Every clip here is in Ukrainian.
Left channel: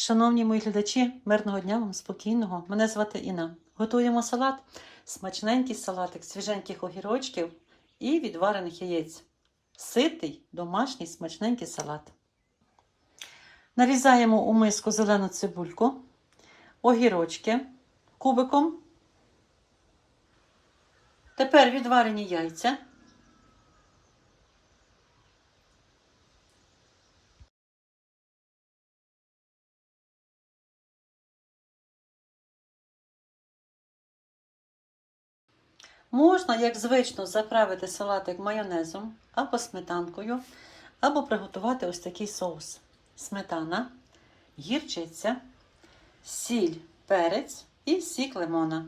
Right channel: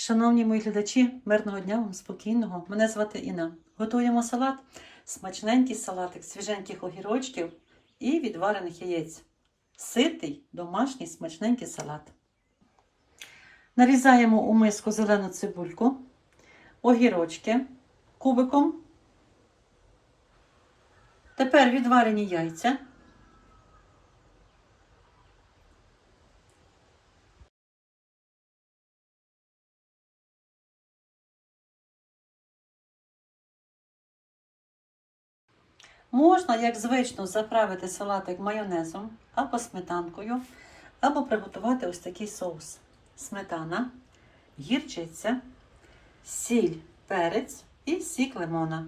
Шановні мої глядачі, мирного дня вам спокійного. Мене звати Інна. Готуємо салат, смачненький салатик, свіженьких огірочків і відварених яєць. Ситий, домашній смачненький салат. Нарізаємо у миску зелену цибульку, огірочки кубиком. Тепер відварені яйця. Можна, як звично, заправити салатик майонезом або сметанкою, або приготувати ось такий соус. Сметана, гірчиця, сіль, перець і сік лимона.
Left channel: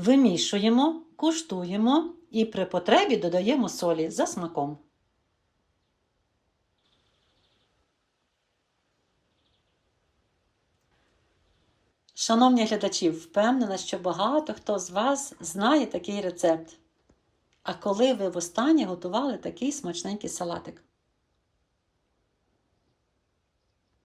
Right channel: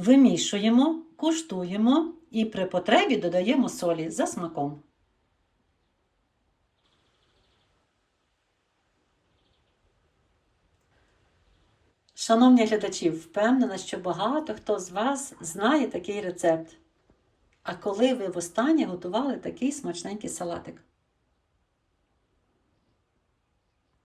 Вимішуємо, куштуємо і при потребі додаємо солі за смаком. Шановні глядачі, впевнена, що багато хто з вас знає такий рецепт. А коли ви востаннє готували такий смачненький салатик?